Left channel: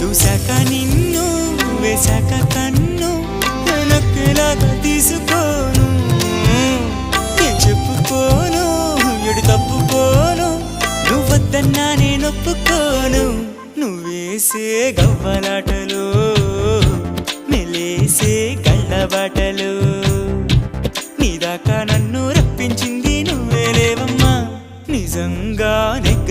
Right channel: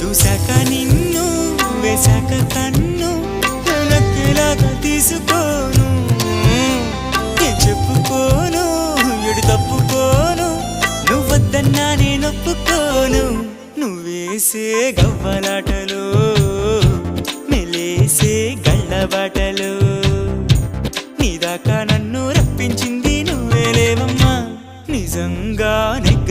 చూశాక నిన్ను వేశాక కన్ను నక్కేలాగా తీసుకోను ఏం చెప్పుకోను ఎడు తప్పుకోను నువ్వద్దన్నా నేనొప్పుకోను నువ్వేసే గవ్వలాటలు మెలేసే గళ్ళబాటలు నీదాకా నన్ను రప్పించింది నువ్వేలేవమ్మా నిజంగానే